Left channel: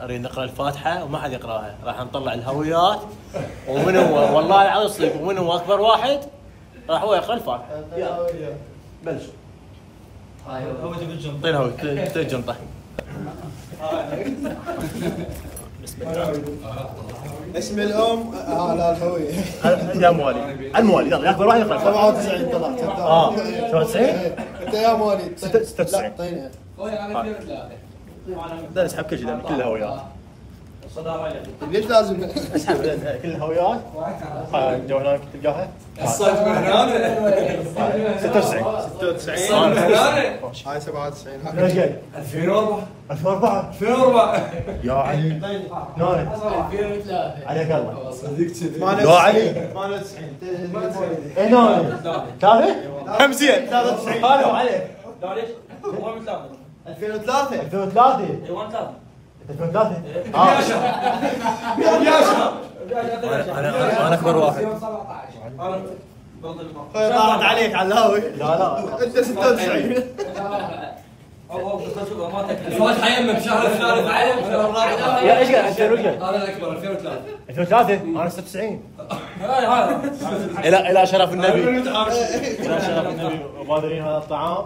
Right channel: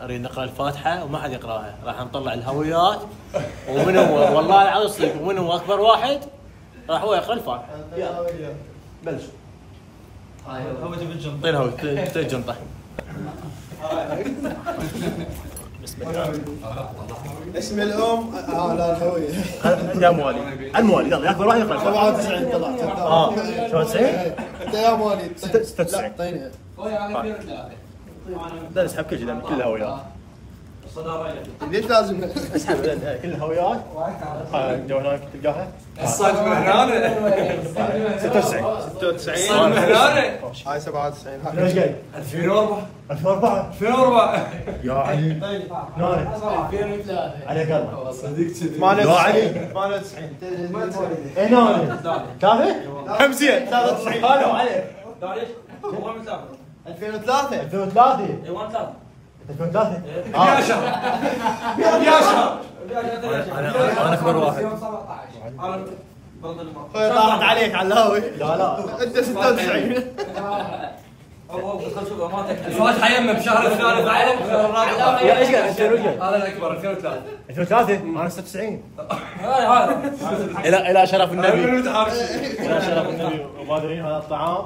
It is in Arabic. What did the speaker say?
اريد نقرا الفاتحه وما حد يقراها، راح نطلع الهويات ومن هو والله العظيم صدق ومن هو اكبر واحد راح هو يقرا الفاتحه. يلا بلش. هويته بالجنطه. اعطينا هويته الجنطه. بسم الله. اسم الام على الهويه. عندها موالي. الموالي يلا اكبر واحد يقرا 97 طلعت. 97 انت يا مواليد 96. طيب بدنا نسحب كل شيء كل الهويات. ليش لازم اسحب كل الهويات. الجوالات تلقاها. الصوت من هنا 96. الصوت من هنا هاي 97 ليش جاي؟ 2004 2004 2004 يا علي نايم 2003 على قلبك صديق كذي يا علي 98 اي نايم تابع 50 93 قالوا عليك 2003 2003 2003 انا اكبر واحد طلعت عليك على الهوي. لا لا انت 96 الفاتحه يمه بشهر الفاتحه ايش قاعد يصير؟ هذا الاكبر 2003 2003 انا 96 الى شرف النبي الى شرف النبي وبادرين هذا الطعام